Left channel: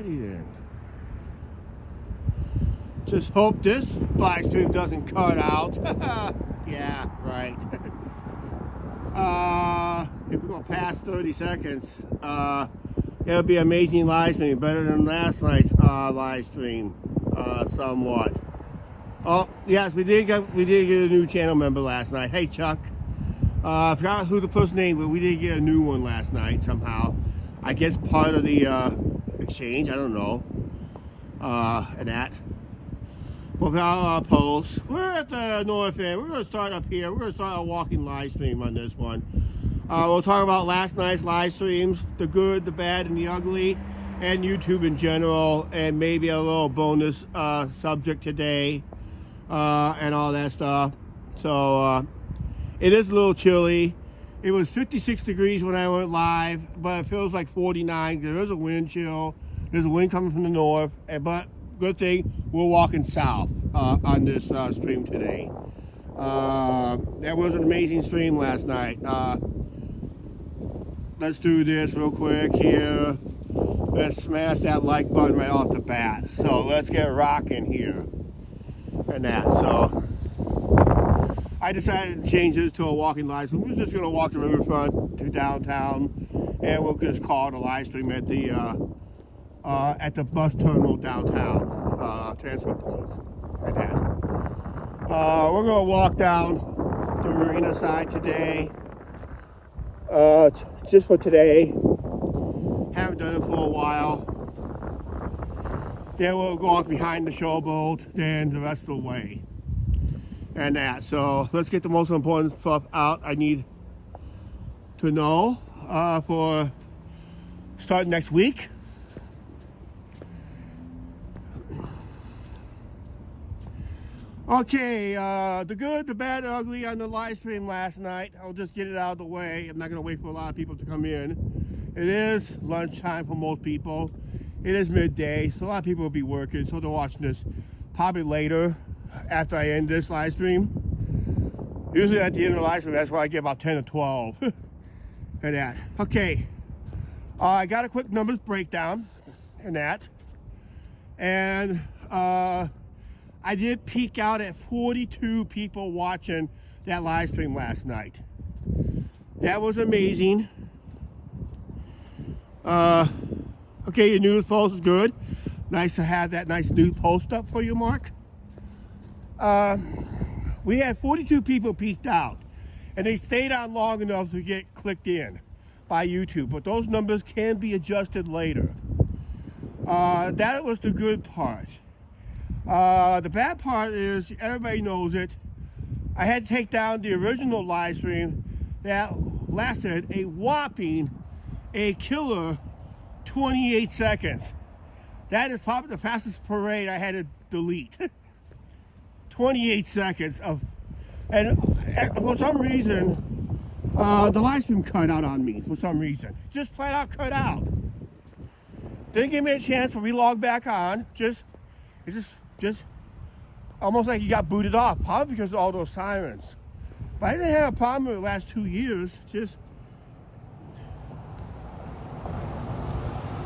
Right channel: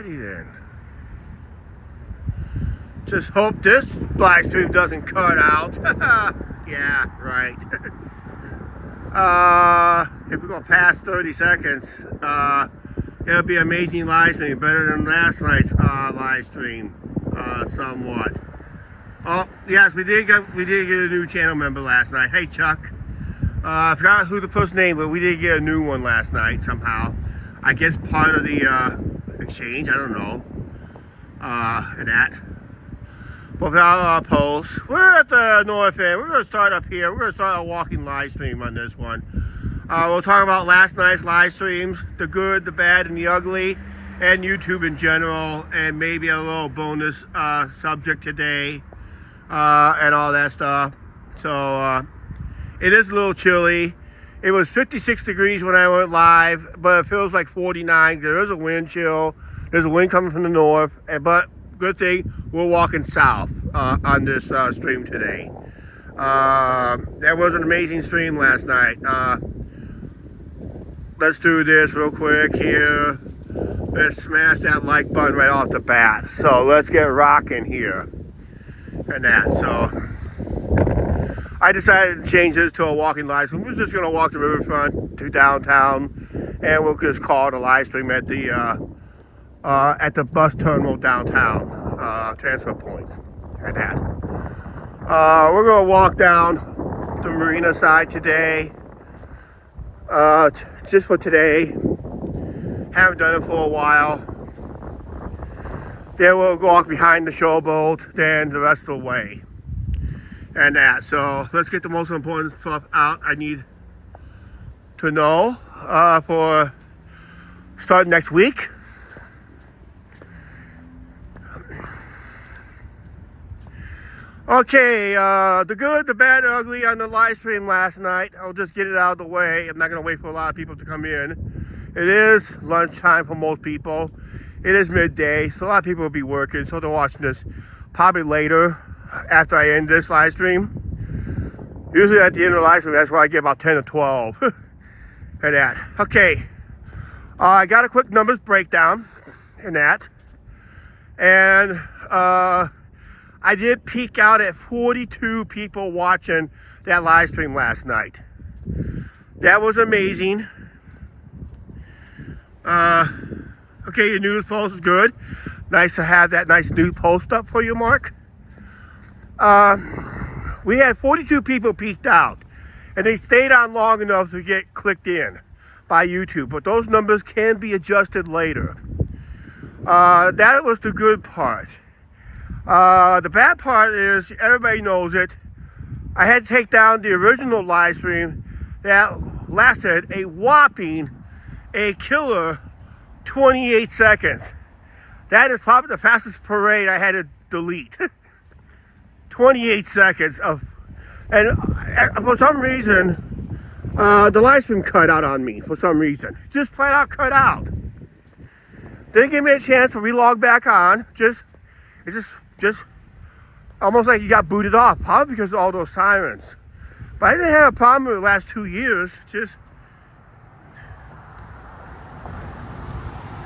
Alrighty then. Just hope this live stream doesn't cut out. Yeah, right. If we go past 30 seconds, it'll be amazing live stream, better than last night's live stream, somewhat. Oh yes, we did get a new channel member last night. Hey Chuck, I forgot who the first name, but we did get a new one last night somehow. I guess part of the exchange. I don't know. And that. But without our posts, we're at the north end. We're going to start up here. We're going to start a walking live stream on this one. We'll talk about last night's live streams, the good, the bad, and the ugly, and YouTube in general, and maybe a little bonus subject today, and all that stuff. So it is a little chilly. It was 56 degrees when I went live, but it feels like 49. There is a wind chill. There's a wind coming from the north, but good thing we're walking south on this stream today. That was an amazing stream last night. Let's do this real quick here. Let's smash that like button right off the bat. So let's get rocking here and that. So I decided to change this to a walking live stream. We're just going to walk the riverfront to downtown, and we'll just call it a live stream at the bus terminal downtown, transfer point, and that. We're going to walk down the marina side today, just for today. Haven't done it for a while. Then we'll walk behind the showboat, then the rest of the way, and that. So let's get the most important stuff out I need to know for starting next week. Okay, the good, the bad, the ugly on the live stream last night. I'll just get it out of the way. I'm not going to wait for a lot of people to come in. It is lunchtime for most people. It is midday, so a lot of people will be working, so they're watching this probably later after I end this live stream. Usually at the end of the live stream, that's where I get about 10 or 12. And that. Okay, I got a quick numbers breakdown in that. And, I did peak out at 42 people watching that live stream last night. That was amazing. Okay, your news post is good. Nice to have that nice news post up for you, Mark. We had 42 people peaked out, and they stayed on long enough to get clicked in by YouTube, but those numbers can be adjusted later. That was the good part. The bad part is, everybody knows it, I had to take down the original live stream that lasted a whopping, a killer 28 seconds. That is probably the fastest parade I had to delete. 28 seconds of, and for some reason, the live stream cut out on me for some reason. Just flat out cut out. Didn't give me a chance to relog back on. It's just almost like you got booted off, probably because of all those sirens. But I didn't have a problem with the last 2 years. Just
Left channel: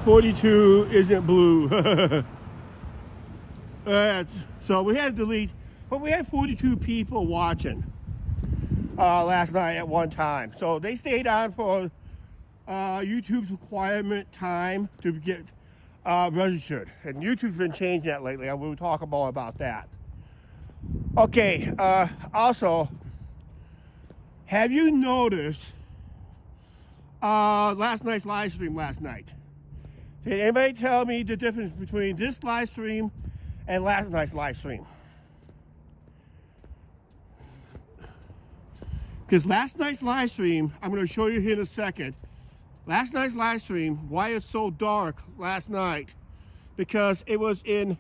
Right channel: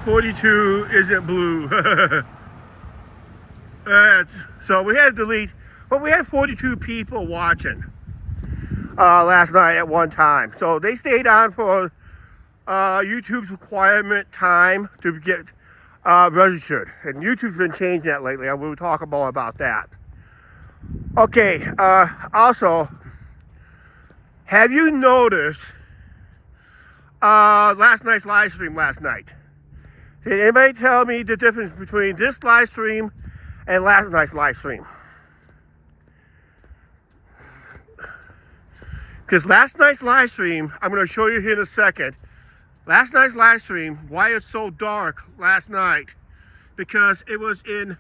42 isn't blue. So we had to delete, but we had 42 people watching last night at one time. So they stayed on for YouTube's requirement time to get registered, and YouTube's been changing that lately. I will talk more about that. Okay, also, have you noticed last night's live stream last night? Did anybody tell me the difference between this live stream and last night's live stream? Because last night's live stream, I'm going to show you here in a second. Last night's live stream, why it's so dark last night, because it was in,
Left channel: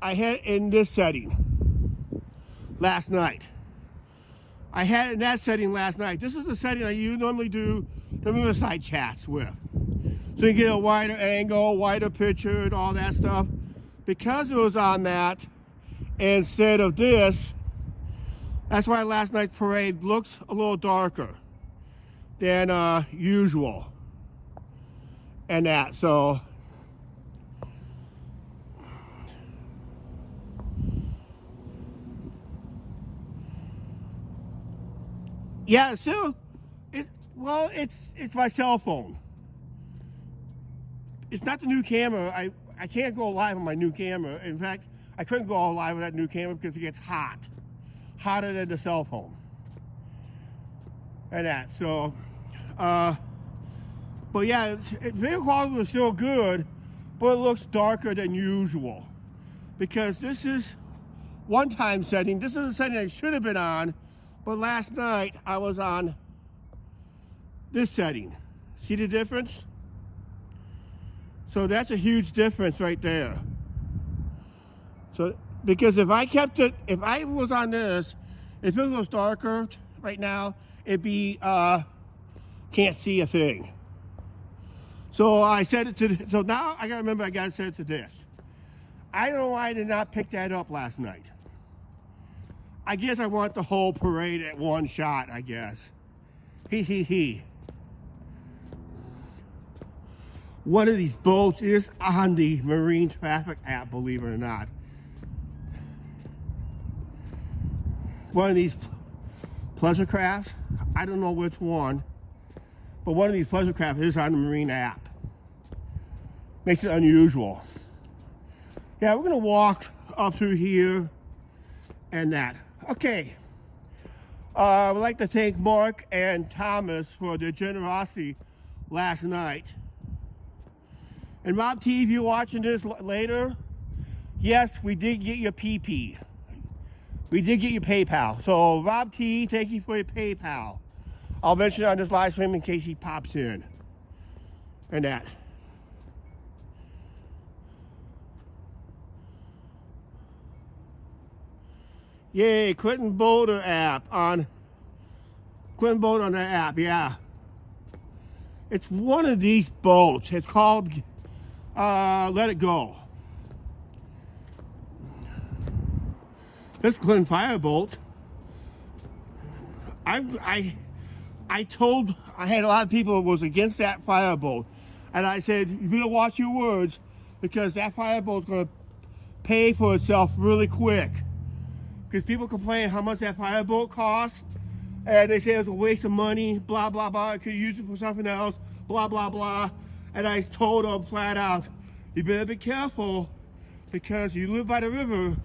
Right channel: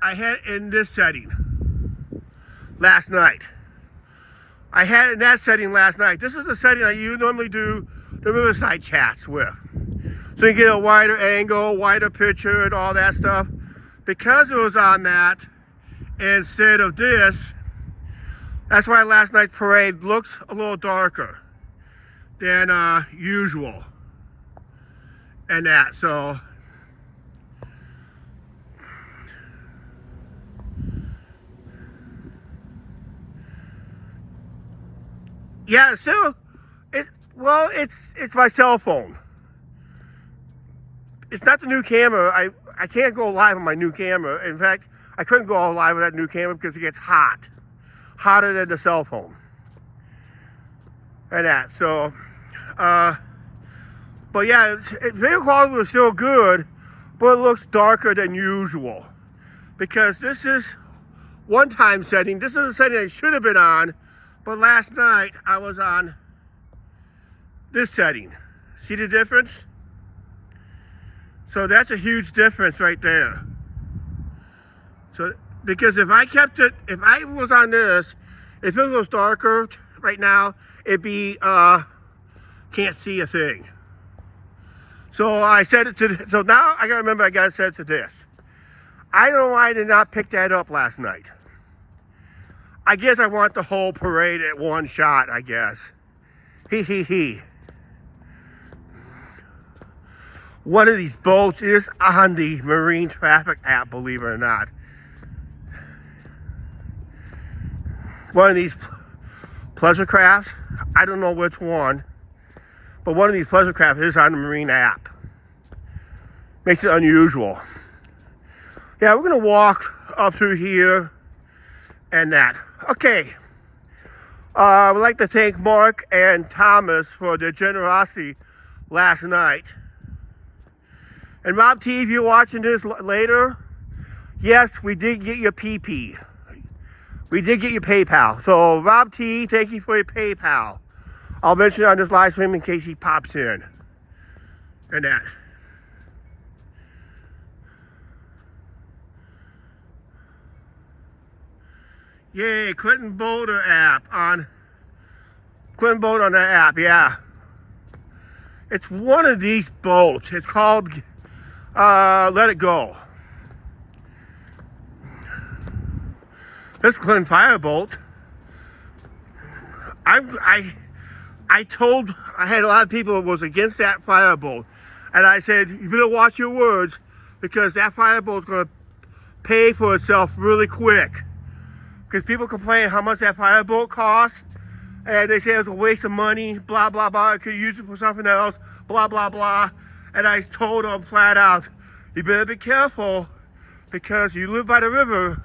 I had it in this setting last night. I had it in that setting last night. This is the setting I normally do the Riverside chats with. So you get a wider angle, wider picture, and all that stuff. Because it was on that instead of this, that's why last night's parade looks a little darker than usual. And that, so Yeah, still, well, it's my cell phone. It's not the new camera. I can't go live on my new camera. In fact, I couldn't go live with that new camera because it gets hot. Hotter than the cell phone. And that, so, but yeah, video quality was still good, but it looks darker than usual. Because this is one-time setting. This is a setting I should have been on, but last night I was on this setting. See the difference? So that's a huge difference right there. So, because if I kept it, if I was on this, if it was darker right now, it'd be, can't see a thing. So I set it to, so now I gotta remember I gotta set it to this. I don't know why I did not pick that up last night. I guess I want the whole parade at one shot, I guess. He. One of these boats is on the marine traffic app, believe it or not. One of these pleasure crafts, I don't know which one, but one of these pleasure crafts is on the marine app. Makes it unusual. Yeah, we're gonna walk up through here and that. Okay. I'd like to thank Mark and Thomas for their generosity last night. And Rob T, if you're watching this later, yes, we did get your PP. We did get your PayPal. So Rob T, thank you for your PayPal. I'll mention it on this live stream in case he pops in. And that. Yay, Clinton Boulder app on Clinton Boulder on that app, yeah. It's one of these boats. It's called Let It Go. This Clinton Fireboat. I had a lot of people that was against that fireboat, and I said, you better watch your words because that fireboat's gonna pay for itself really quick. Because people complain how much that fireboat costs, and they say it's a waste of money, blah, blah, blah. I could use it for something else, blah, blah, blah. And I told them flat out, you better be careful because you live by the river.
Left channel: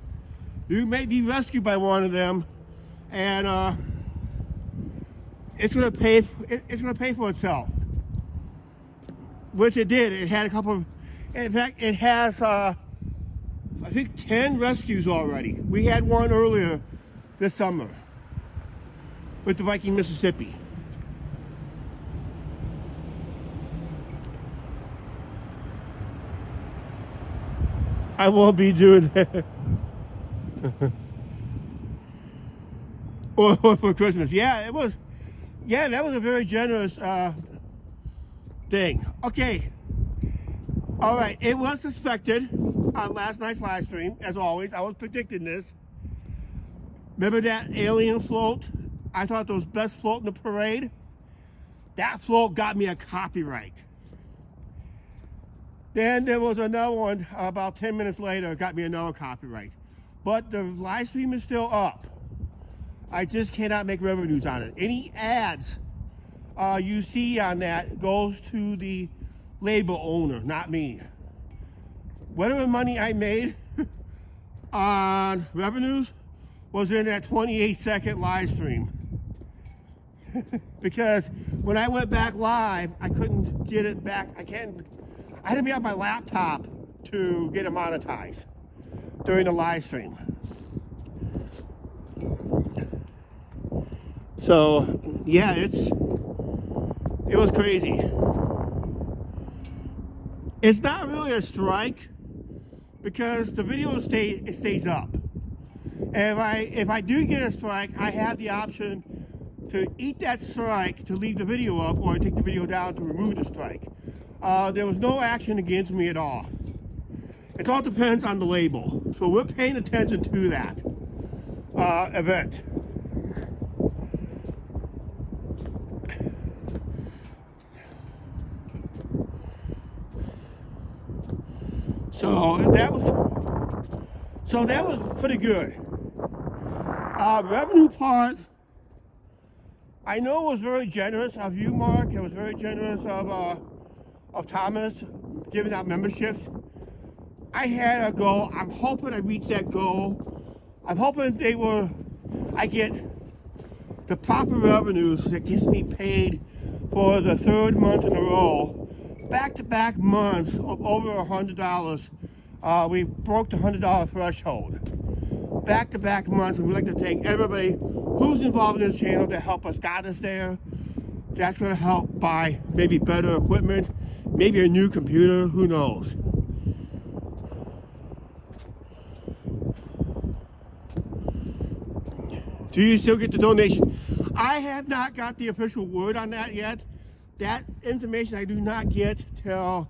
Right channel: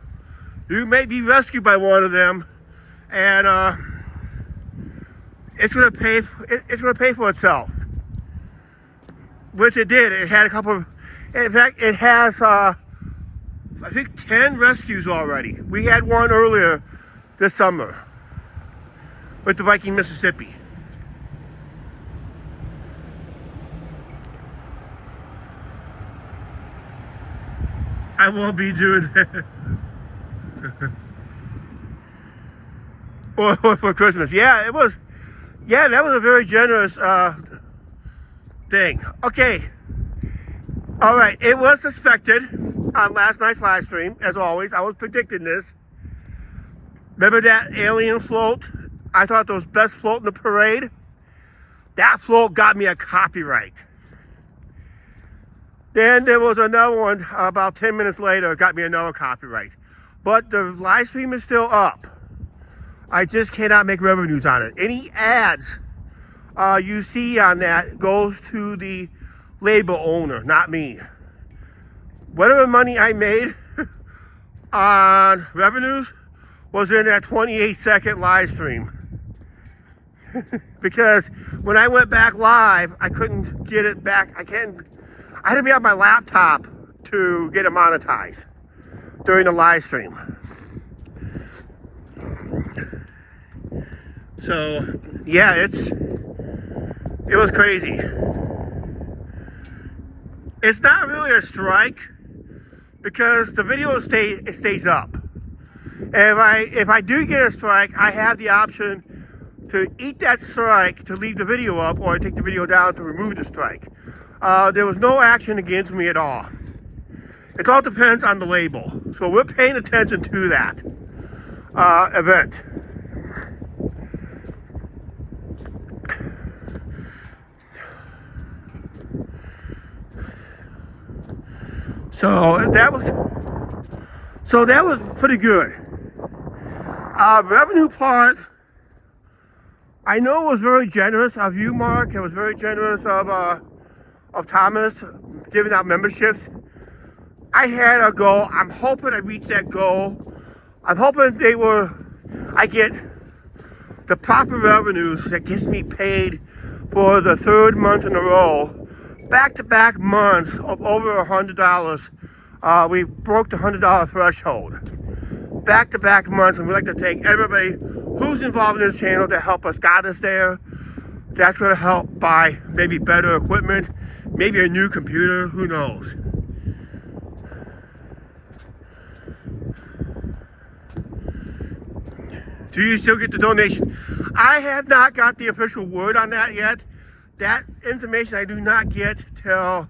You may be rescued by one of them, and it's gonna pay for itself. Which it did. It had a couple of, in fact, it has I think 10 rescues already. We had one earlier this summer with the Viking, Mississippi. I won't be doing that. or for Christmas. Yeah, it was. Yeah, that was a very generous thing. Okay. All right. It was suspected on last night's live stream, as always. I was predicting this. Remember that alien float? I thought that was best float in the parade. That float got me a copyright. Then there was another one about 10 minutes later, got me another copyright. But the live stream is still up. I just cannot make revenues on it. Any ads you see on that goes to the label owner, not me. Whatever money I made on revenues was in that 28-second live stream. Because when I went back live, I couldn't get it back. I had to be on my laptop to get it monetized during the live stream. So yeah, it was crazy. It's not really a strike because the video stays up. And if I do get a strike, I have the option to eat that strike to leave the video up, or take the video down to remove the strike. There was no action against me at all. It all depends on the label. So we're paying attention to that event. So that was pretty good. Revenue part, I know it was very generous of you, Mark. It was very generous of Thomas giving out memberships. I had a goal. I'm hoping I reach that goal. I'm hoping I get the proper revenues that gets me paid for the third month in a row, back-to-back months of over $100. We broke the $100 threshold. Back-to-back months, and we'd like to thank everybody who's involved in this channel to help us got us there. That's going to help buy maybe better equipment, maybe a new computer, who knows. Do you still get the donation? I have not got the official word on that yet. That information I do not get till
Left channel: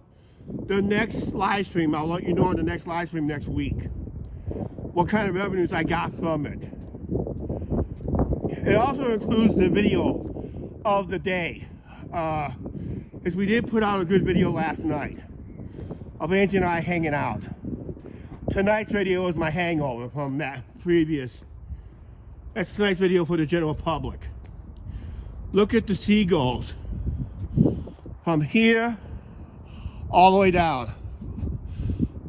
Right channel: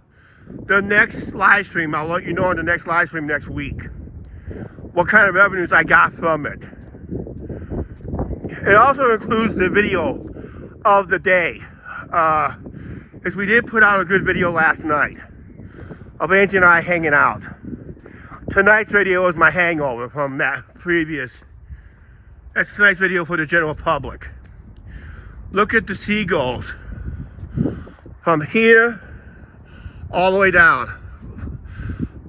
the next live stream. I'll let you know on the next live stream next week what kind of revenues I got from it. It also includes the video of the day. Because we did put out a good video last night of Angie and I hanging out. Tonight's video is my hangover from that previous. That's a nice video for the general public. Look at the seagulls. From here all the way down.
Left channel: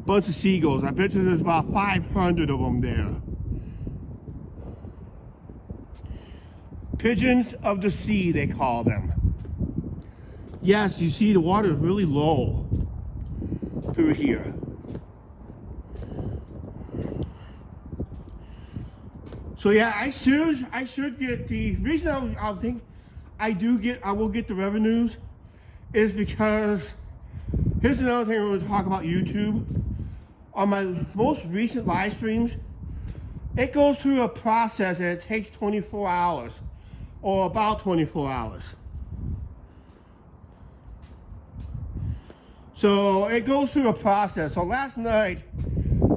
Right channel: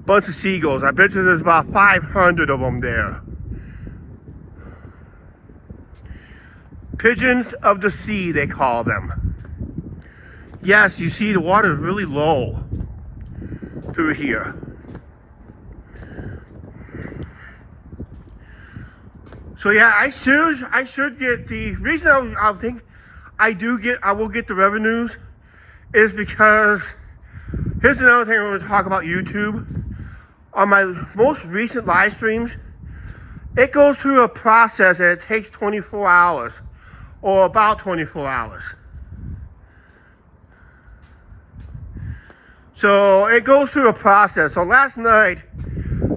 Bunch of seagulls. I bet you there's about 500 of them there. Pigeons of the sea, they call them. Yes, you see the water is really low through here. So yeah, I should get the reason I think I will get the revenues is because here's another thing I'm going to talk about YouTube. On my most recent live streams, it goes through a process and it takes 24 hours or about 24 hours. So it goes through a process. So last night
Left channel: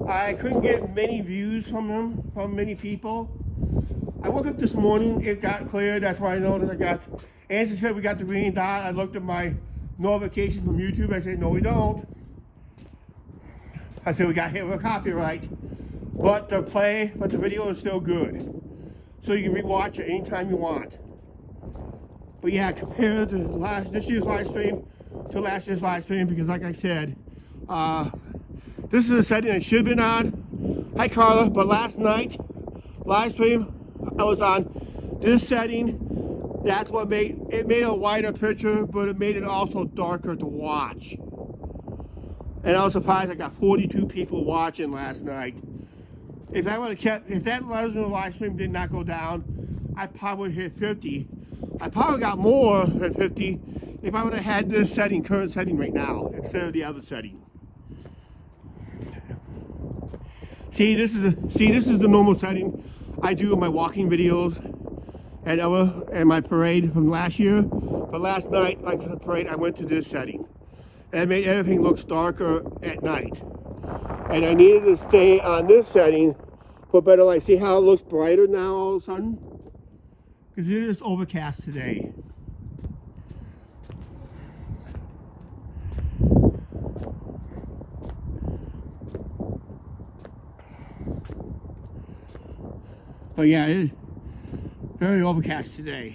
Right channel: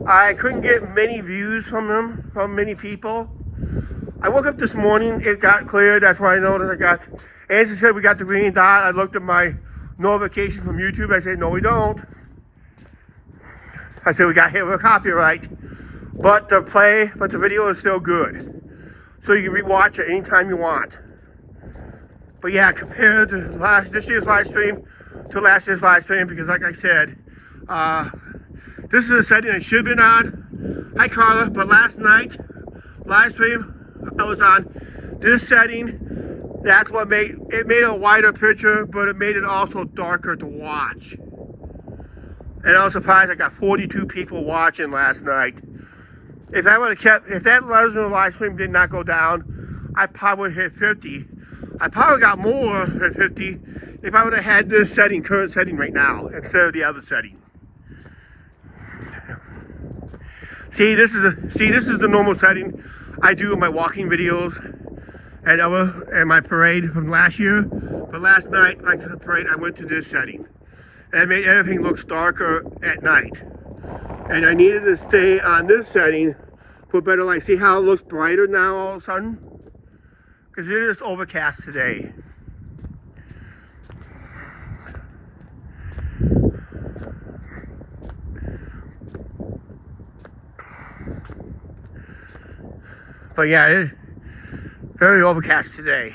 I couldn't get many views from many people. I woke up this morning, it got cleared. That's why I noticed Angie said we got the green dot. I looked at my notification from YouTube. I said, no, we don't. I said, we got hit with copyright. But the video is still good. So you can rewatch it anytime you want. But yeah, compared to this year's live stream to last year's live stream, because like I said, this is a setting I should have been on. Hi Carla, but last night, live stream, I was on this setting. That's what made a wider picture, but it made it also darker to watch. And I was surprised I got 42 people watching last night. If I would have if that live stream did not go down, I probably would have hit 50. I probably got more than 50 if I would have had this current setting right now, instead of the other setting. See, this is the normal setting I do in my walking videos and my parade from last year. But last night, like the parade, I went to this setting. And it made everything look darker at night. And I needed to stay on this setting for better light. See how it looks brighter now all of a sudden? Because it is overcast today. But yeah, it's very overcast today.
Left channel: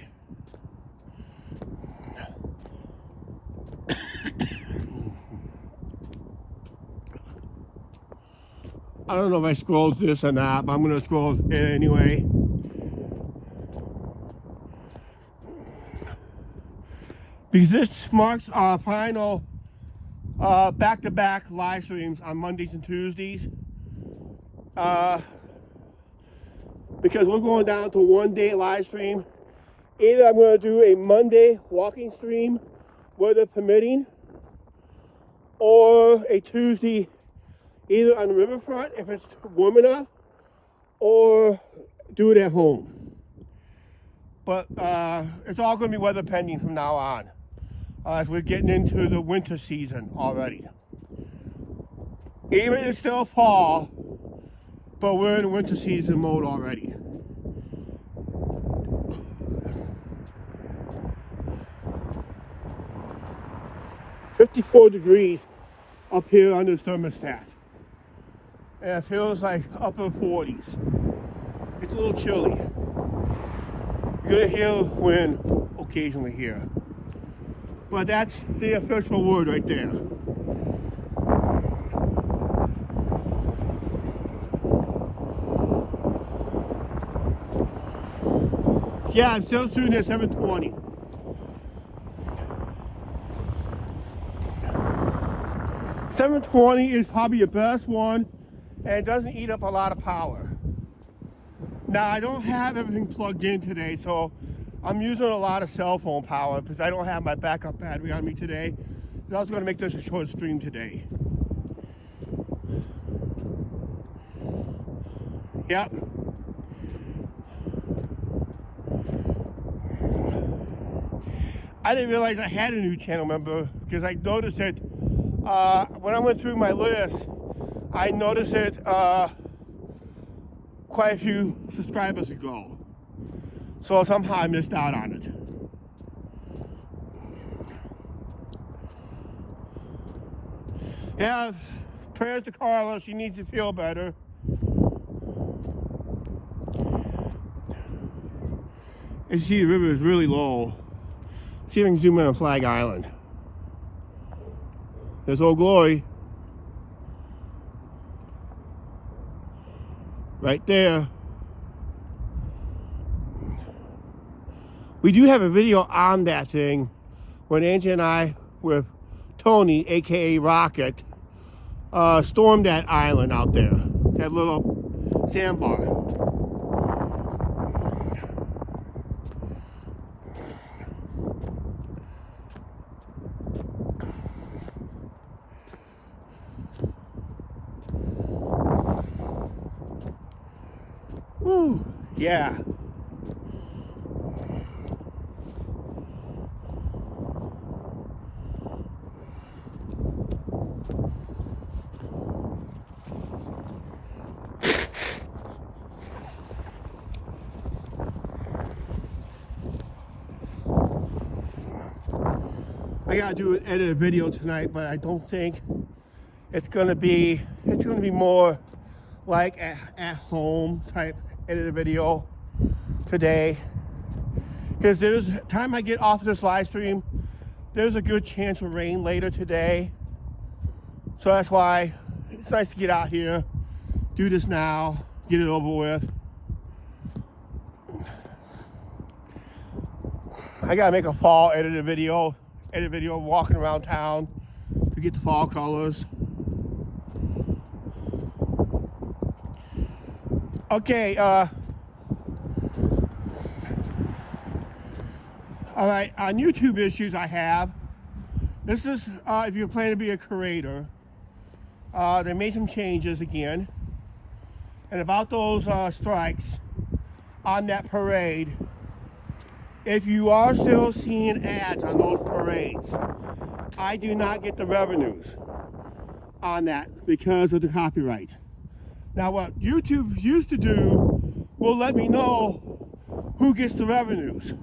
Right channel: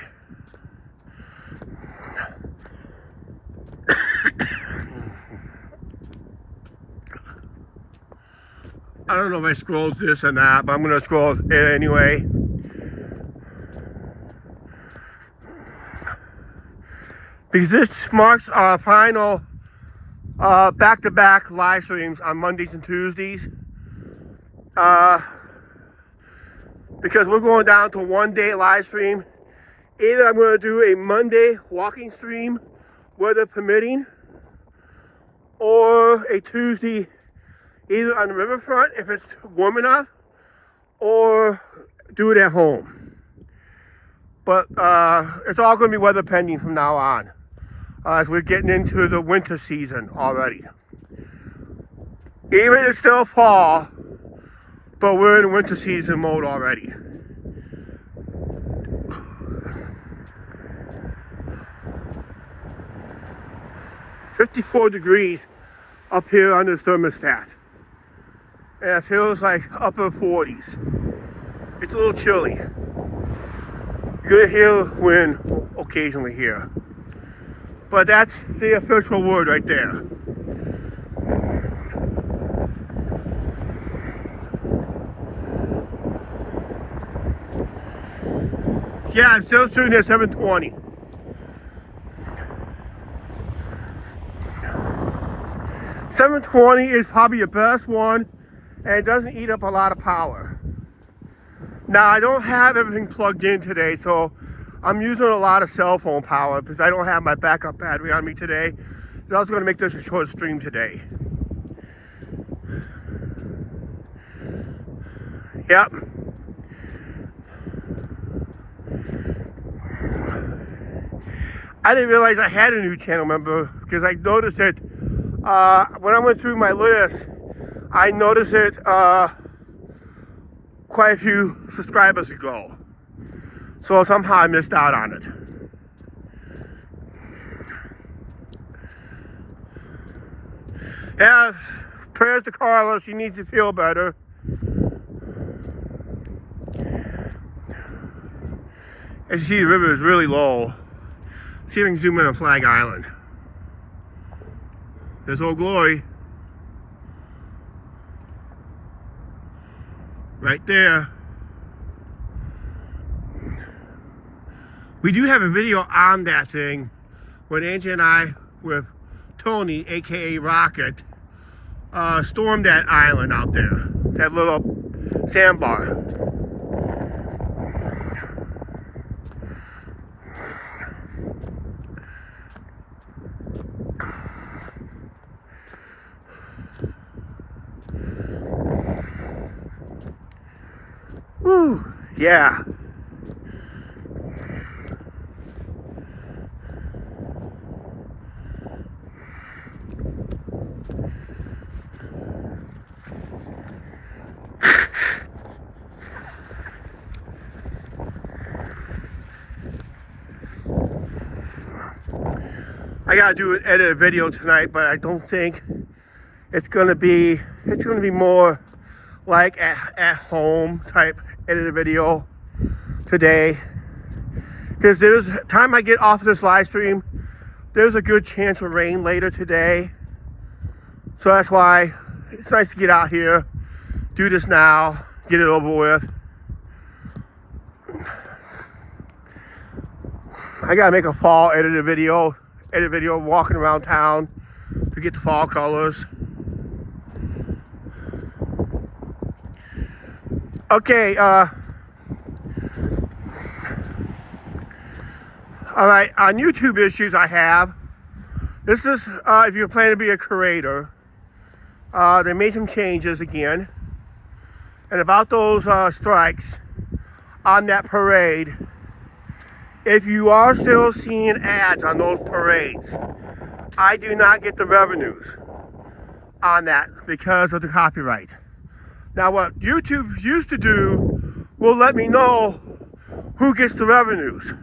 I don't know if I scrolled this or not, but I'm going to scroll it anyway. Because this marks our final back-to-back live streams on Mondays and Tuesdays. Because we're going down to 1 day live stream. Either I'm going to do a Monday walking stream, weather permitting, or a Tuesday either on the riverfront if it's warm enough, or do it at home. But it's all going to be weather pending from now on, as we're getting into the winter season already. Even it's still fall, but we're in winter season mode already. $54 up here on the thermostat. And it feels like upper 40s. It's a little chilly. Good hear wind occasionally here. But that's the official word right there. Yeah, I'm still shooting at 720. .720 is probably the best one, and it doesn't eat up a lot of power. Now, I don't have everything plugged in today, so I'm using a lot of cell phone power because I don't have my backup battery on me today. I was going to make this a short stream today. Yep. I didn't realize I had a new channel member because I noticed it when I went through my list. I noticed it quite a few subscribers ago, so somehow I missed out on it. Yeah, prayers to Carla. She needs to feel better. As you see, the river is really low. See if I can zoom in on Flag Island. There's Old Glory. Right there. We do have a video on that thing when Angie and I, with Tony, aka Rocket, stormed that island out there. That little sandbar. Woo, yeah. I gotta edit a video tonight, but I don't think it's gonna be more like at home type edit a video today, because there's time I get off of this live stream, there's a good chance of rain later today, so that's why it's nice to get out here, do this now, get it over with. I gotta make a fall edit video walking around town to get the fall colors. Okay, all right, on YouTube issues I have, this is, if you're planning to be a creator, they made some changes again, and about those strikes on that parade, if you are still seeing ads on those parades, I do not get the revenues on that because of the copyright. Now, what YouTube used to do will let me know who gets the revenues,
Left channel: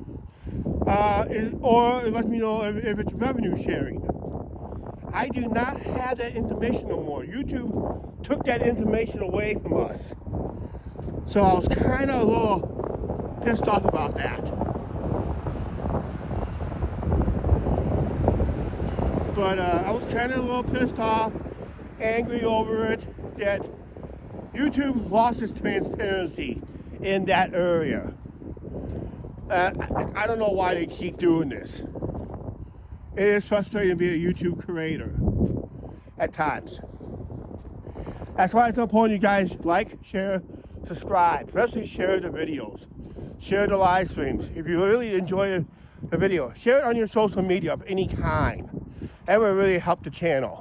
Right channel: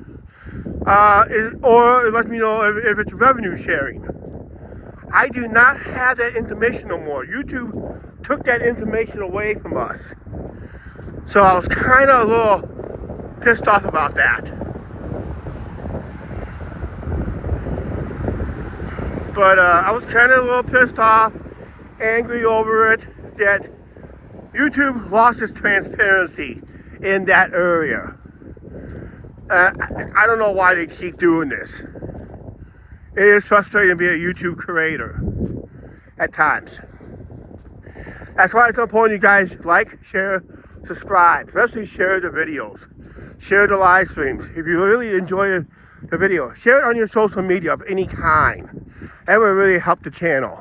or it lets me know if it's revenue sharing. I do not have that information no more. YouTube took that information away from us. So I was kind of a little pissed off about that. But I was kind of a little pissed off, angry over it, that YouTube lost its transparency in that area. I don't know why they keep doing this. It is frustrating to be a YouTube creator at times. That's why it's important you guys like, share, subscribe, especially share the videos, share the live streams. If you really enjoy the video, share it on your social media of any kind. That would really help the channel.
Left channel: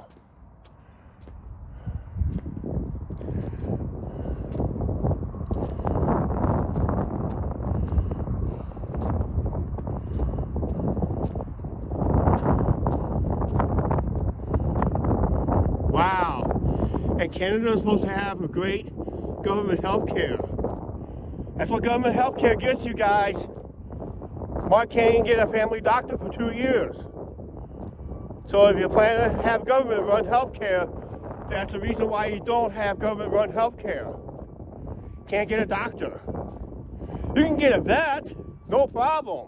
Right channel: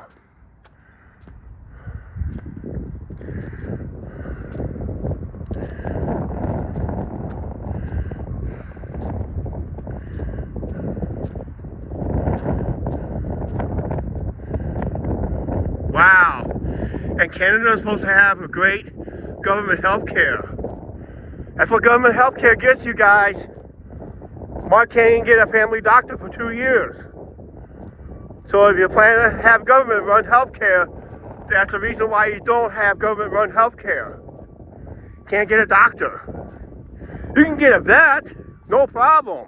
Wow. And Canada is supposed to have a great government health care. That's what government health care gets you guys. Mark can't even get a family doctor for 2 years. So if you plan to have government-run health care, that's the reason why you don't have government-run health care. Can't get a doctor. You can get a vet, No problem.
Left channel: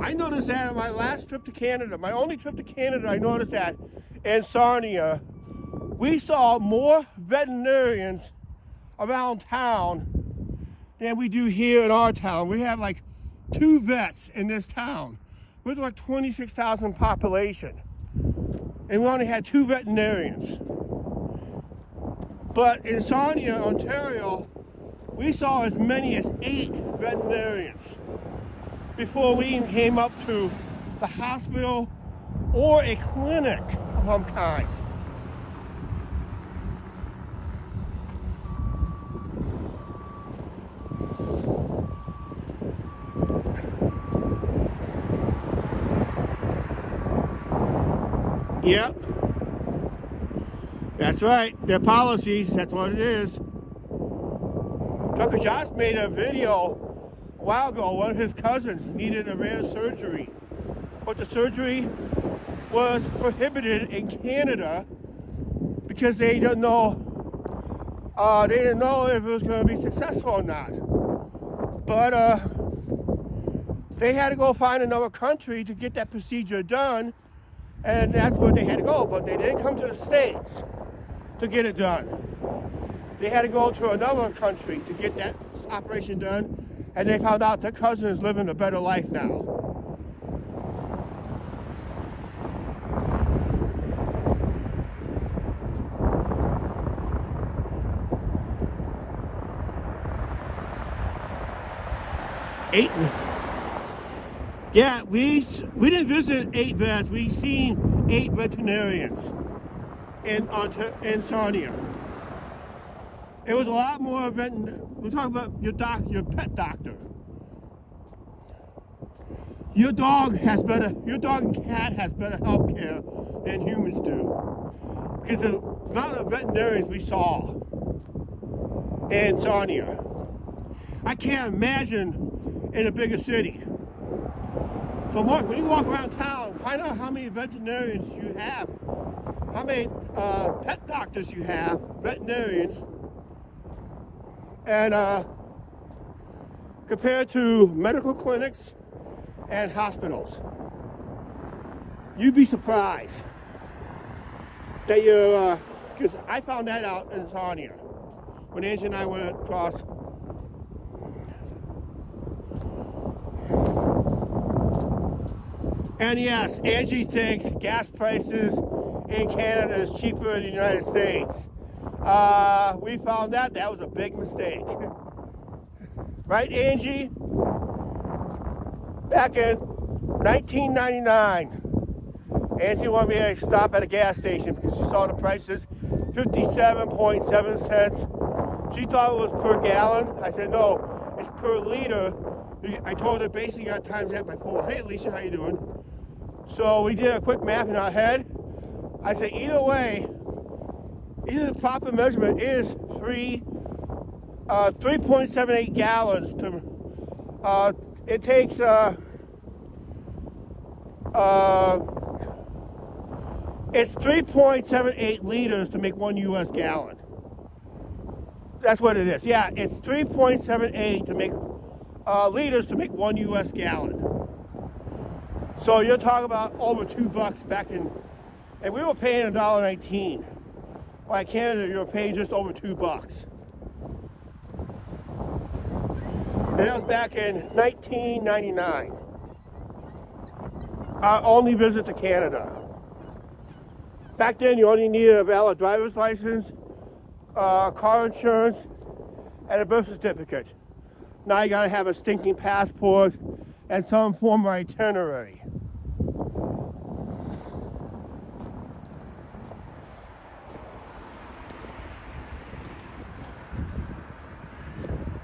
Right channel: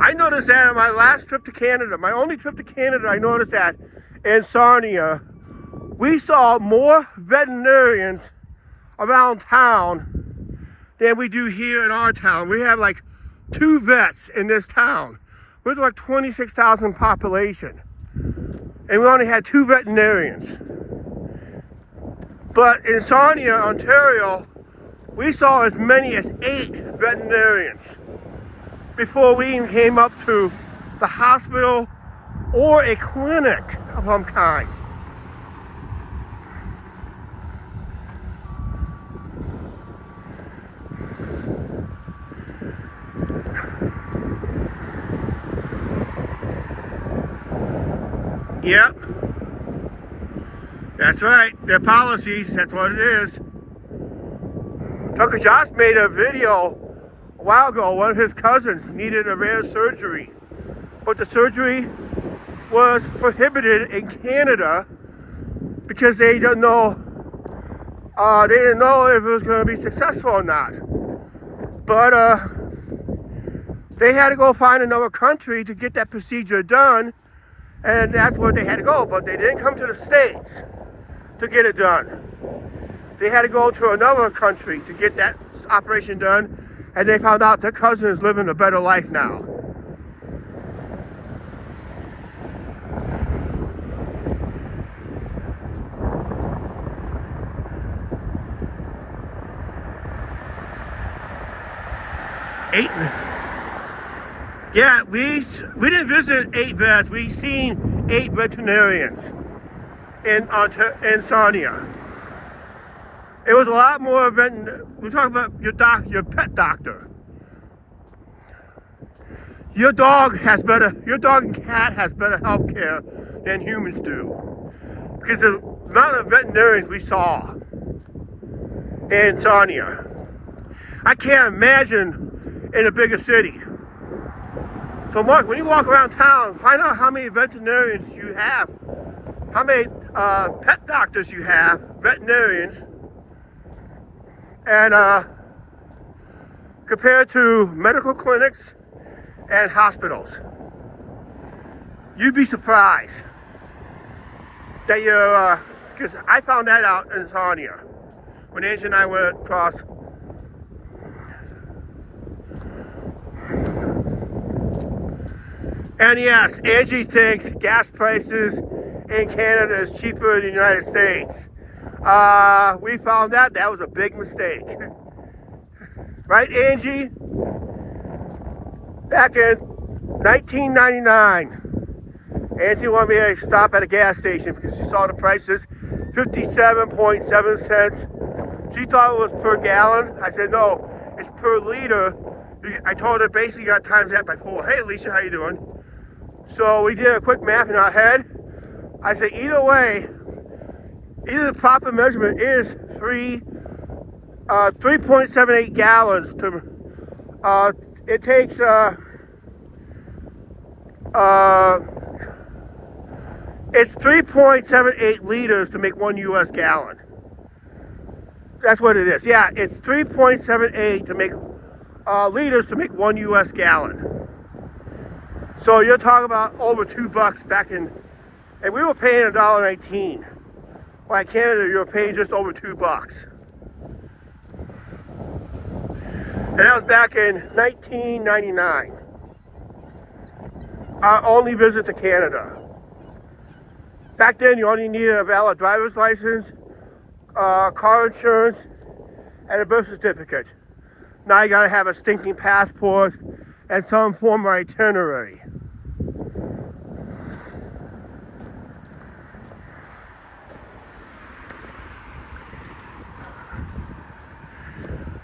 I noticed that on my last trip to Canada, my only trip to Canada, I noticed that in Sarnia, we saw more veterinarians around town than we do here in our town. We have like 2 vets in this town. We're like 26,000 population. And we only had 2 veterinarians. But in Sarnia, Ontario, we saw as many as 8 veterinarians before we even came up to the hospital or a clinic of some kind. Yep. That's right. Their policies, that's what it is. Tucker Josh made a video a while ago. One of his cousins needed a rare surgery, but the surgery was prohibited in Canada because they didn't know if it was going to be successful or not. But they had to go find another country to get that procedure done, and that's where they had to go. But they didn't come to the States to get it done. They had to go to another country to get that operation done, and they found out their cousin is living a better life now. Yeah, we didn't visit 8 vets. We seen 8 veterinarians in Sarnia. It was a lot more we're talking about your pet doctor. Your dog and cat has better health care than humans do. Because the amount of veterinarians we saw in Sarnia, I can't imagine in a bigger city. So Mark, when you walk around town, find out how many veterinarians you have, how many pet doctors you have, veterinarians, and compared to medical clinics and hospitals. You'd be surprised that you're, because I found that out in Sarnia when Angie and I went across. And yes, Angie thinks gas prices in Canada is cheaper than the United States. We found that was a big mistake. Right, Angie? Back in 1999, Angie wanted me to stop at a gas station because she saw the prices, 57.7 cents. She thought it was per gallon. I said, no, it's per liter. I told her basically you got times that by 4. Hey, Alicia, how you doing? So we did a quick math in our head. I said, either way, either the proper measurement is 3.78 gallons to, it takes, it's 3.78 liters to make 1 US gallon. That's what it is. Yeah, it's 3.78 to make liters to make 1 US gallon. So you're talking about over $2 back in, and we were paying $1.19. While in Canada, you were paying just over $2. And that was back in 1999. Our only visit to Canada. Back then, you only needed a valid driver's license, car insurance, and a birth certificate. Now you gotta have a stinking passport and some form of itinerary.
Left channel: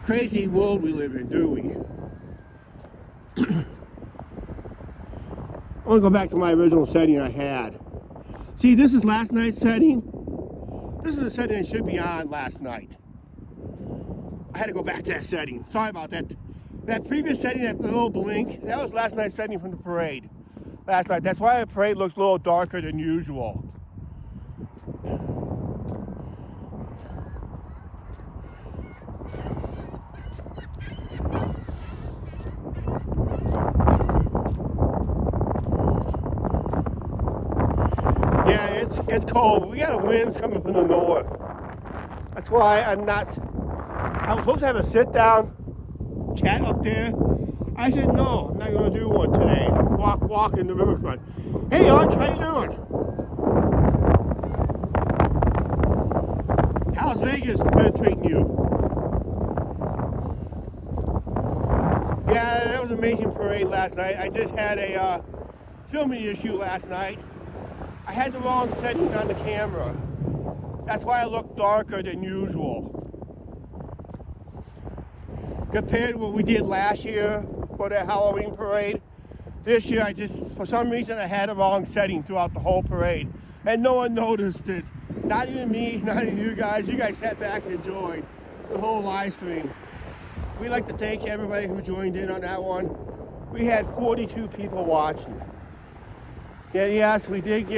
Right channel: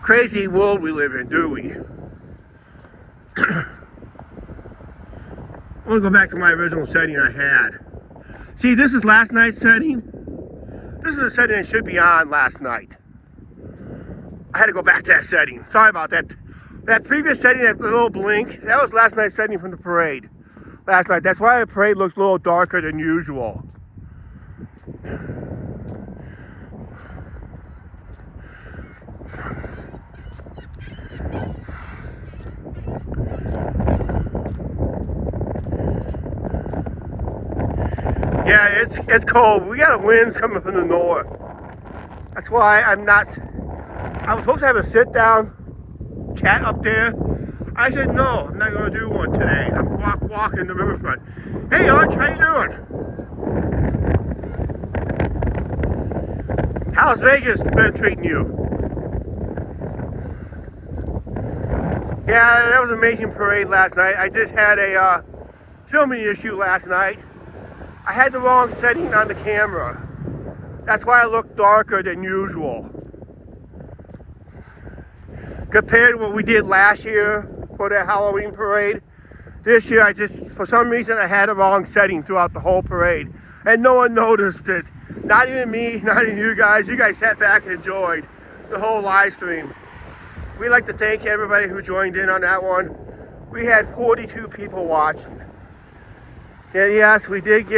Crazy world we live in, do we? I want to go back to my original setting I had. See, this is last night's setting. This is a setting that should be on last night. I had to go back to that setting. Sorry about that. That previous setting, that little blink, that was last night's setting from the parade. Last night. That's why the parade looks a little darker than usual. Yeah, it's cold. We got winds coming from the north. That's why I was supposed to have a sit down chat up there. I said no, I'm not going to do one today. I'm walking the riverfront. Hey Arch, how you doing? How's Vegas been treating you? Yeah, that was an amazing parade last night. I just had a filming issue last night. I had the wrong setting on the camera. That's why I look darker than usual. Compared to what we did last year for the Halloween parade, this year for some reason I had the wrong setting throughout the whole parade. And no one noticed it. Not even me, not even you guys. You guys sat back and enjoyed the whole live stream. We'd like to thank everybody who joined in on that one. We had 42 people watching. And yes, we did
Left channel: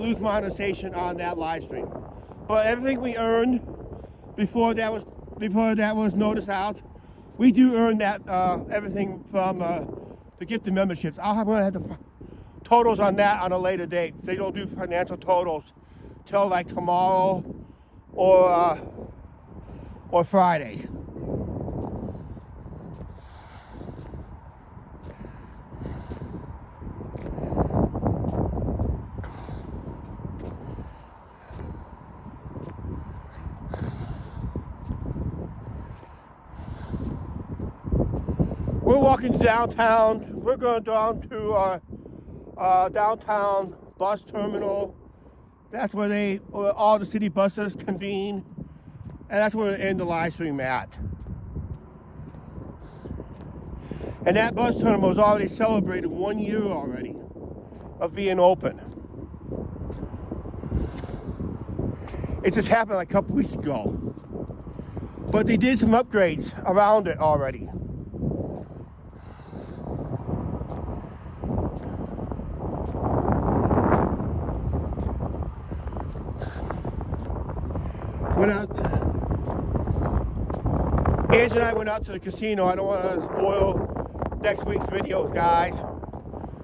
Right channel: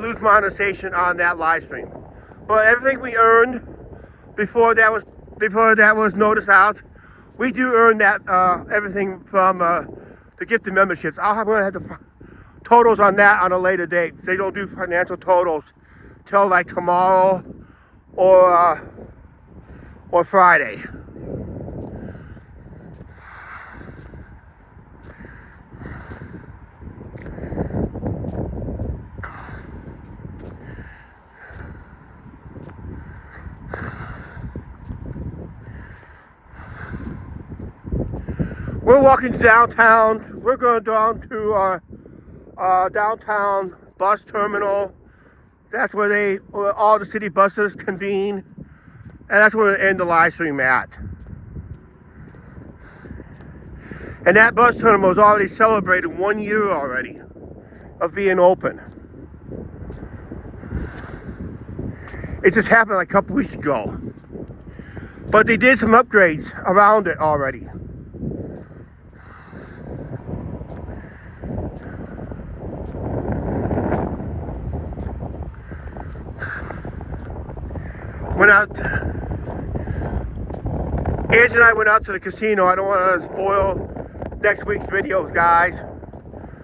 lose monetization on that live stream. But everything we earned before that was noticed out, we do earn that everything from the gifted memberships. I'm gonna have the totals on that on a later date. They don't do financial totals till like tomorrow or Friday. We're walking downtown. We're going down to our downtown bus terminal. That's where all the city buses convene. And that's where we end the live stream at. And that bus terminal has already celebrated 1 year already of being open. It just happened like a couple weeks ago. But they did some upgrades around it already. Angie and I went out to the casino. I don't want to spoil next week's videos, guys.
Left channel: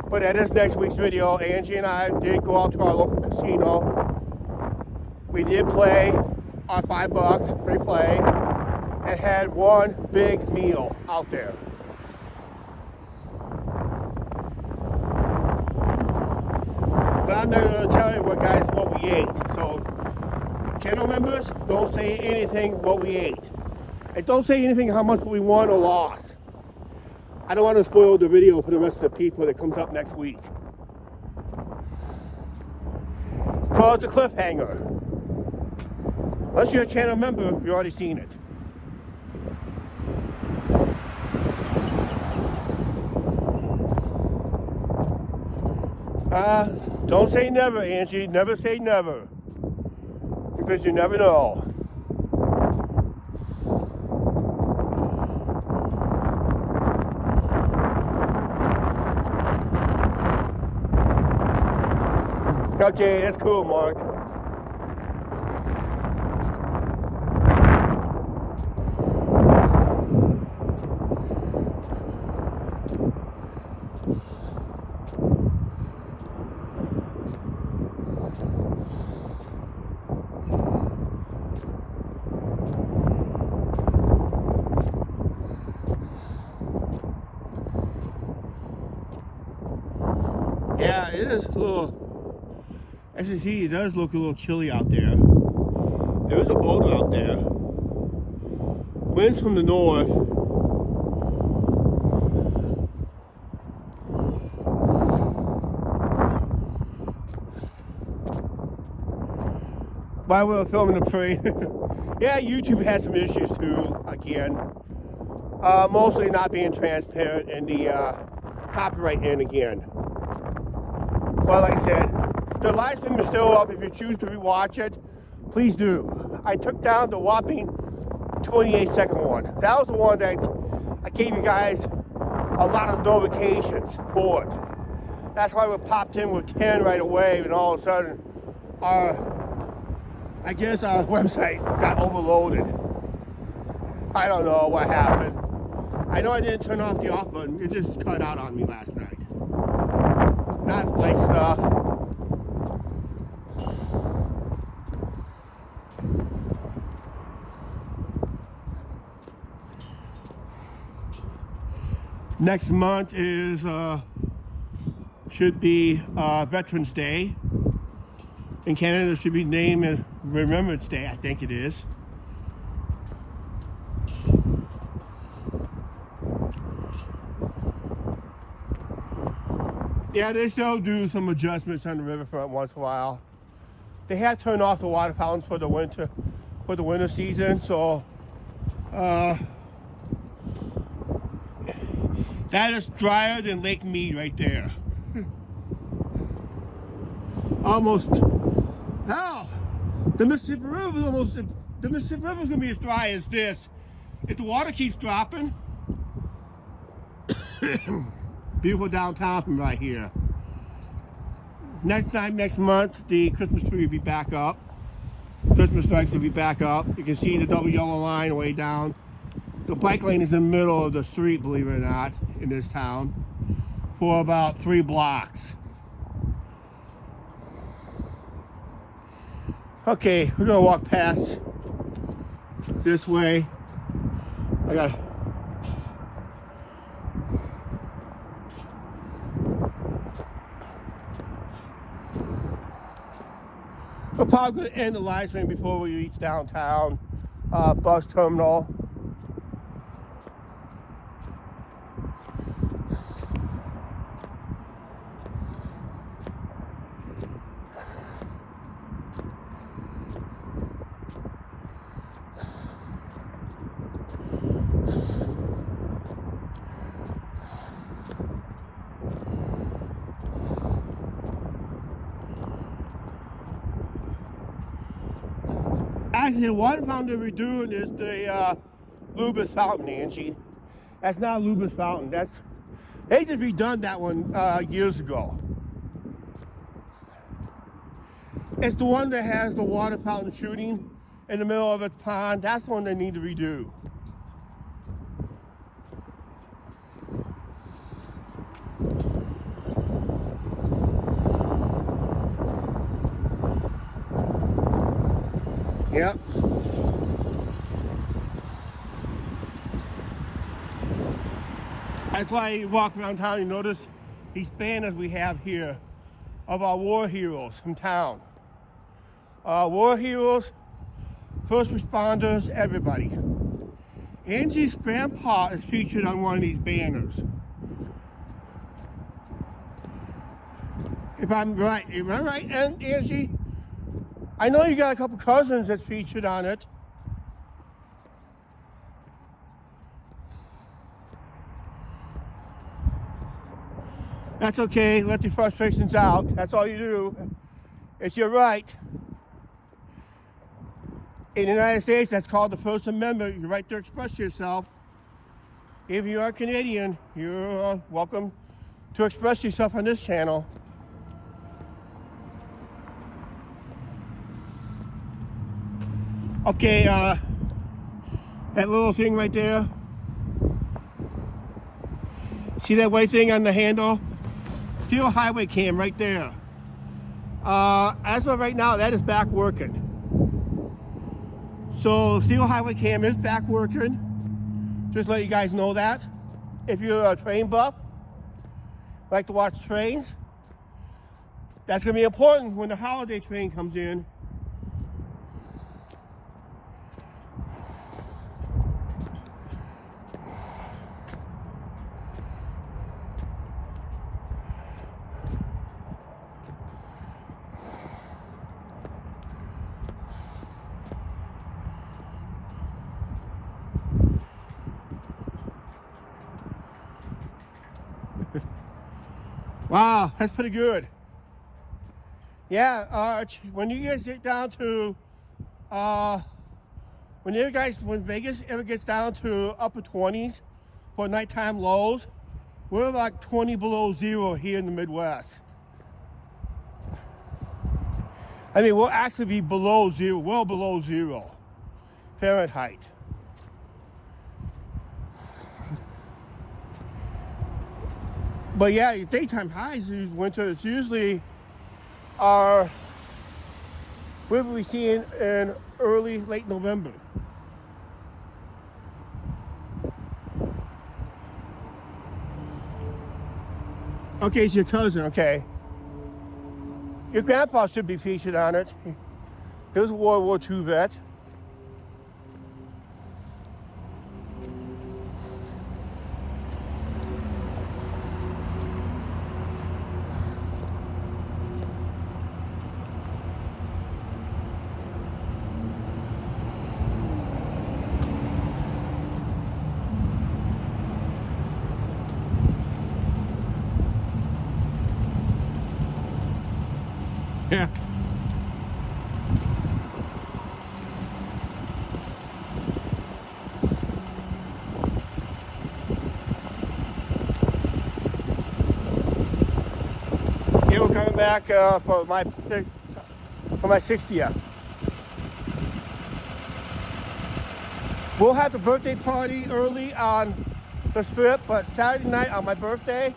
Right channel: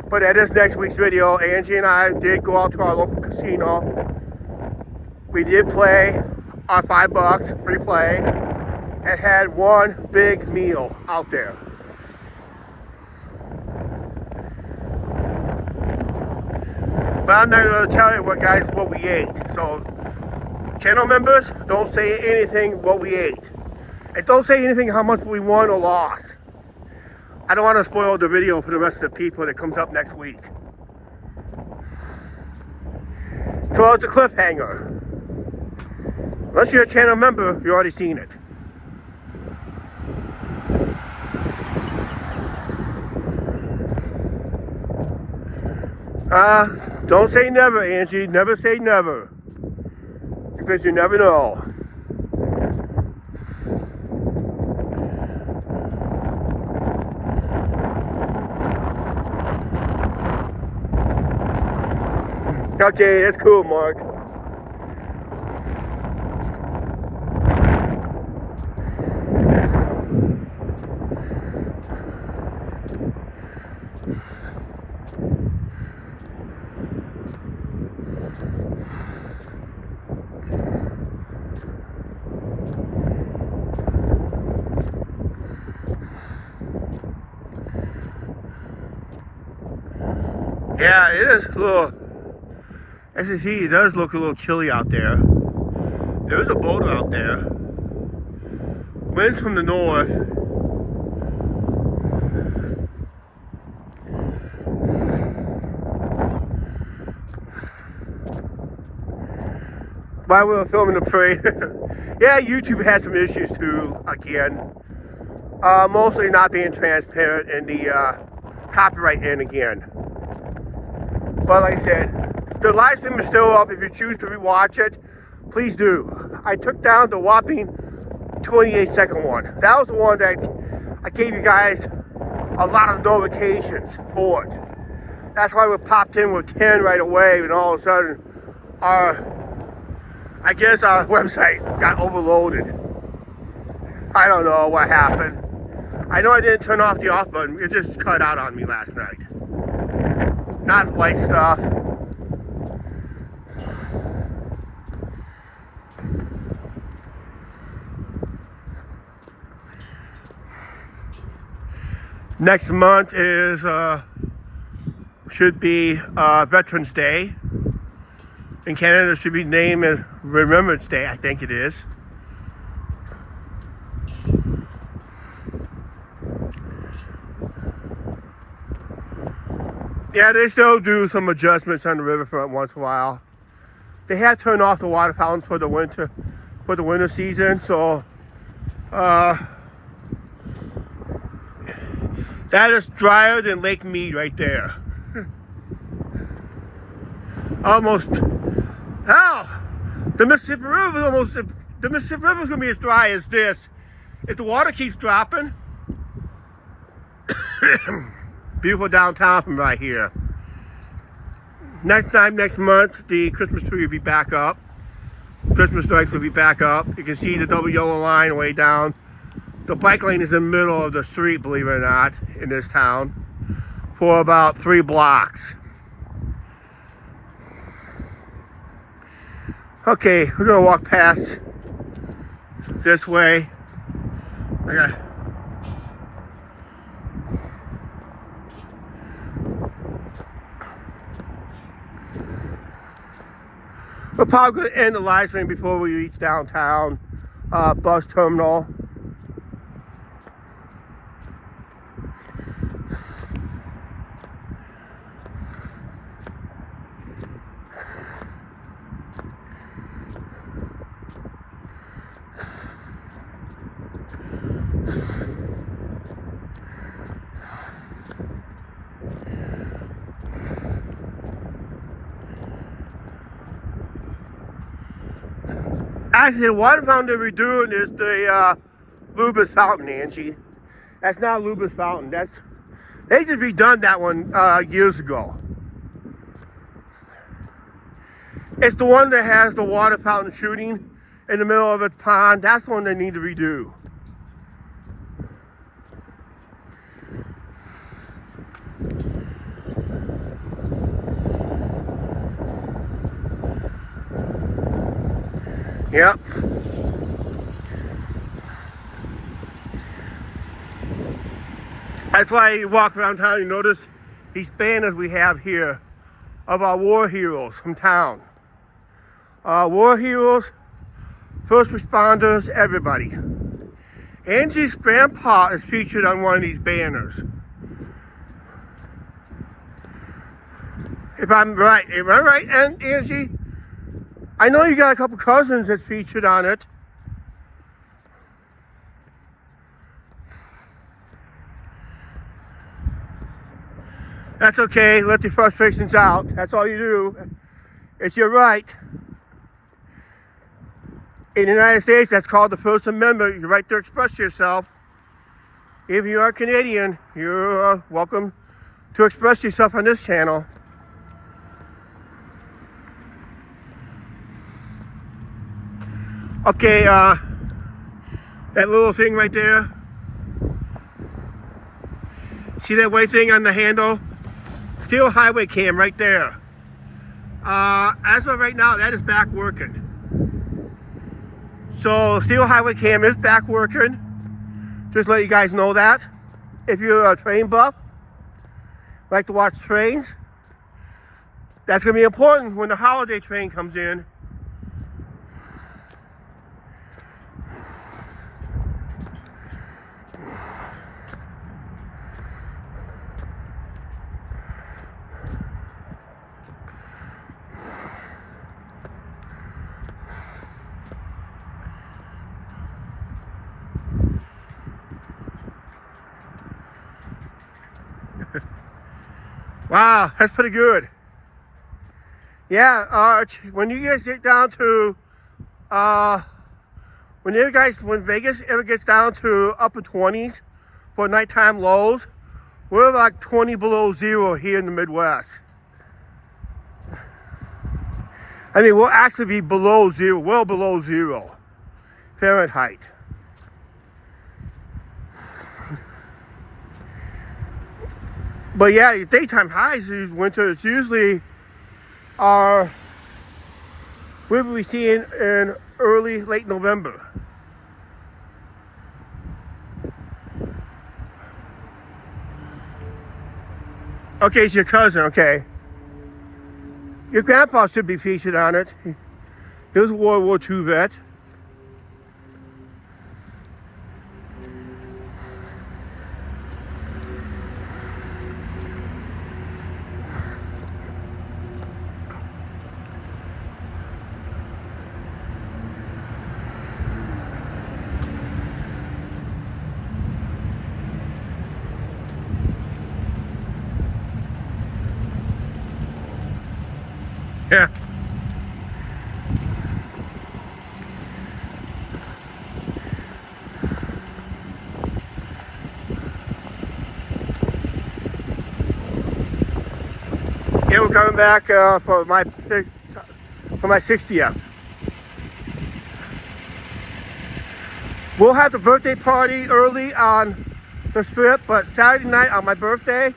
But that is next week's video. Angie and I did go out to our local casino. We did play our $5 free play and had one big meal out there. But I'm not going to tell you what we ate. So, channel members, don't say anything what we ate. And don't say anything how much we won or lost. I don't want to spoil the video for the rest of the people that comes up next week. So it's a cliffhanger. Unless you're a channel member, you've already seen it. Don't say never, Angie. Never say never. Because you never know. Okay, that's cool, Mark. Yeah, it is a little, as you see, it does look a little chilly out there. There is a boat out there. Winds from the north. While we were filming the parade, yeah, YouTube has some issues too, again. Mostly not being transparent in the copyright end again. But like I said, the live stream is still up. If you choose to rewatch it, please do. I took down the whopping 28-second one. That was the one that I gave you guys a lot of notifications for it. That's why we popped in with 10 right away, and all of a sudden, I guess our website got overloaded. I don't know what happened. I know I didn't turn off the off button. It just cut out on me last night. Not white stuff. Next month is should be Veterans Day. In Canada, it should be named as Remembrance Day, I think it is. Yeah, they still do some adjustments on the riverfront once in a while. They have turned off the water fountains for the winter season, so that is drier than Lake Mead right there. Almost. Hell, the Mississippi River is almost. The Mississippi River is gonna be as dry as this if the water keeps dropping. Beautiful downtown from right here. Next month, the Christmas tree will be back up. Christmas lights will be back up. You can see the double yellow line way down. The bike lane is in the middle of the street, believe it or not, in this town, for about 3 blocks. Okay, we're gonna walk past this way. We're probably going to end the live stream before we reach downtown bus terminal. Actually, the water fountain that we're doing is the Lubus Fountain, Angie. That's not Lubus Fountain. They just redone that one years ago. It's the one that has the water fountain shooting in the middle of its pond. That's the one they need to redo. Yep. That's why you walk around town, you notice these banners we have here of our war heroes from town. War heroes, first responders, everybody. Angie's grandpa is featured on one of these banners. If I'm right, am I right, Angie? I know you got a couple cousins that's featured on it. That's okay, let the frustrations out. That's all you do. It's your right. In the United States, that's called the First Amendment, your right to express yourself. If you are Canadian, you're welcome to express yourself on this channel. Okay, that little thing right there. See that white thing on the handle? Steel highway cam right there. As of right now, that is back working. So steel highway cam is back working. Just let you guys know that. If you're a train buff, like to watch trains, that's gonna be important when the holiday train comes in. Wow, that's pretty good. Yeah, when you guys get down to, when Vegas ever gets down to upper 20s for nighttime lows, we're like 20 below zero here in the Midwest. I mean, we'll actually be below zero, well below zero Fahrenheit. But yeah, your daytime highs in winter, it's usually we'll be seeing in late Okay, it's your cousin, okay. Your grandpa should be featured on it. He was a World War II vet. Yeah. Yeah, we're coming back for my 60th. We'll have the birthday party early on the strip, but Saturday night on my birthday,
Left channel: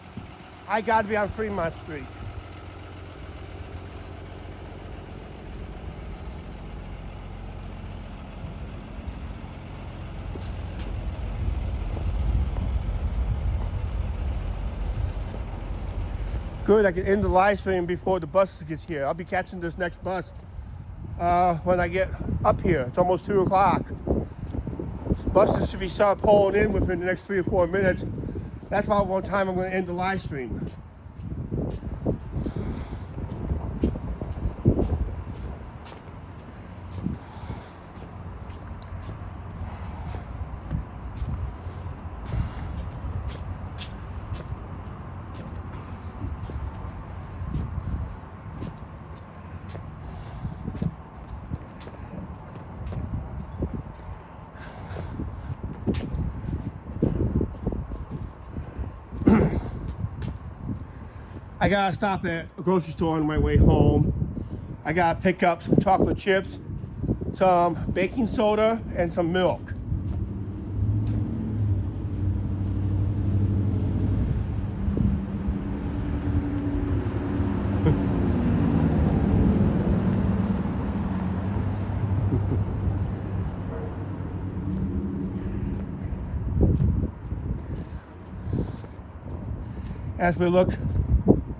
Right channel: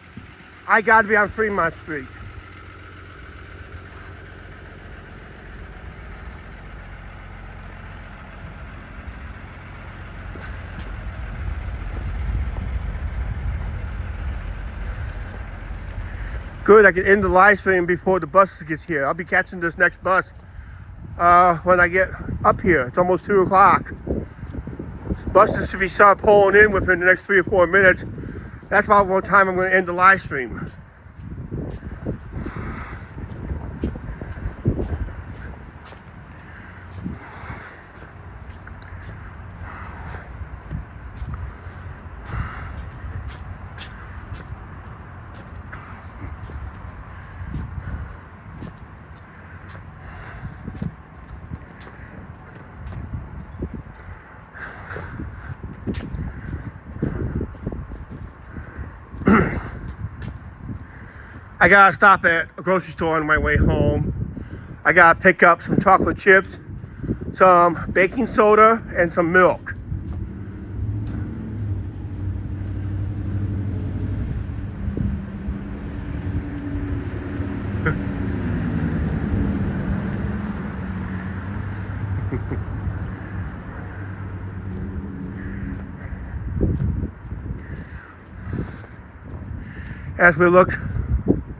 I gotta be on Fremont Street. Good, I can end the live stream before the bus gets here. I'll be catching this next bus when I get up here. It's almost 2 o'clock. Buses should be start pulling in within the next 3 or 4 minutes. That's about what time I'm going to end the live stream. I gotta stop at a grocery store on my way home. I gotta pick up some chocolate chips, some baking soda, and some milk. As we look,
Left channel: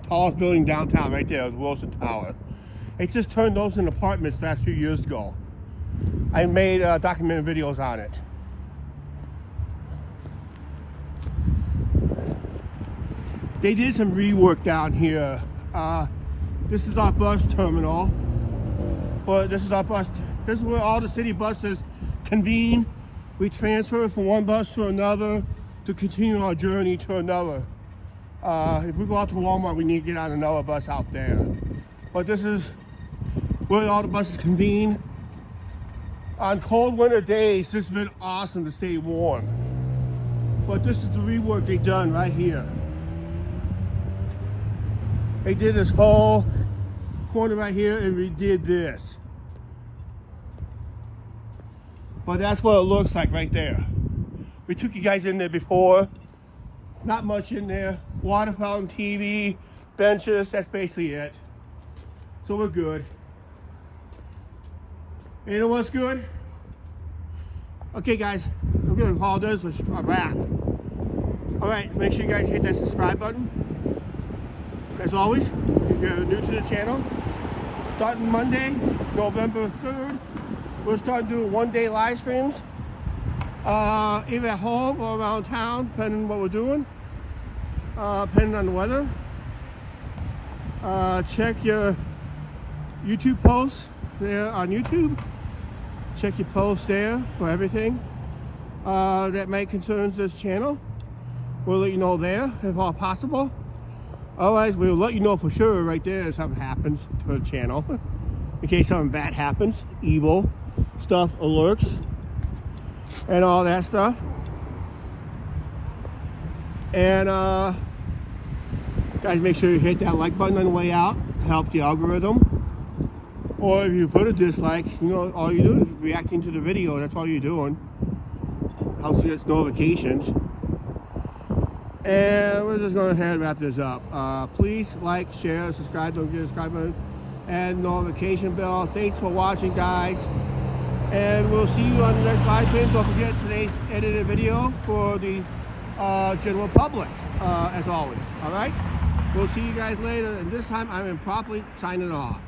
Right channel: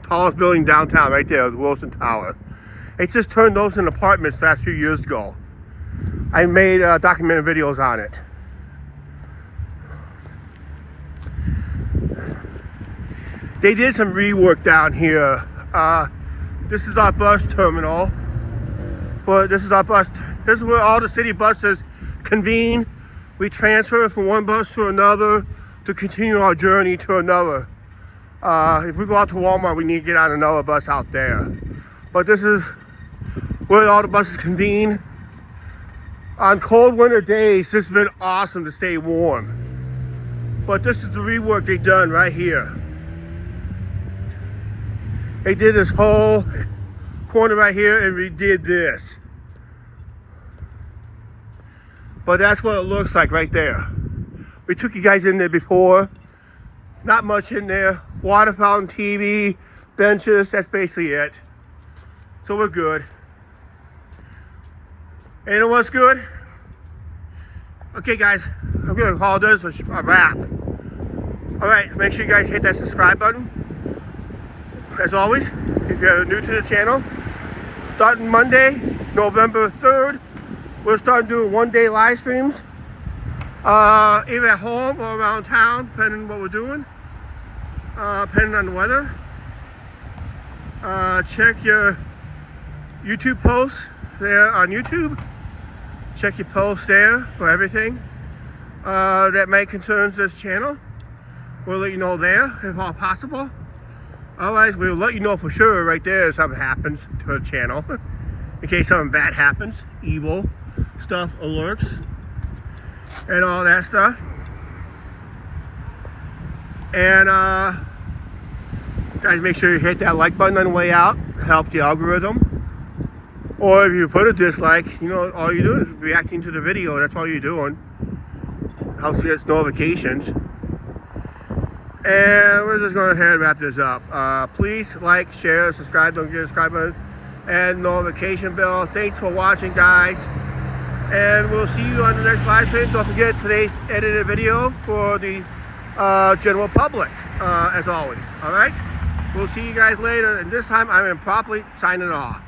tallest building downtown right there is Wilson Tower. They just turned those into apartments last few years ago. I made documentary videos on it. They did some rework down here. This is our bus terminal. But this is where all the city buses convene. We transfer from one bus to another to continue our journey to another. If we go out to Walmart, we need to get on another bus out there. But this is where all the buses convene. On cold winter days, this has been awesome to stay warm. But this is the rework they've done right here. They did this whole corner right here and redid this. But that's what it looks like right there. We took you guys in there before. Not much in there. Water fountain, TV, benches, that's basically it. So we're good. And you know what's good? Okay guys, I'm gonna call this a wrap. Alright, make sure you guys hit that subscribe button. As always, if you're new to the channel, starting Monday, November 3rd, we'll start doing one-day live streams. Either at home or around town, depending on what we're doing. Depending on the weather. Check your YouTube posts there on YouTube. Check your posts there for everything that may concern this channel. We'll let you know there if all possible. Otherwise, we'll let you know for sure right there if something happens to the channel. In case something bad happens, evil stuff alerts, and all that stuff. And guys, make sure you hit that like button on the way out. It helps the algorithm. Or if you put a dislike, you know, all you're doing is reacting to the video. That's all you're doing. Helps you get notifications. And we're just going to ahead and wrap this up. Please like, share, subscribe, don't forget to subscribe button, and notification bell. Thanks for watching, guys. And we'll see you on the next live stream. Don't forget today's edited video for the general public, as always. All right? We'll see you guys later, and this time I'm improperly signing off.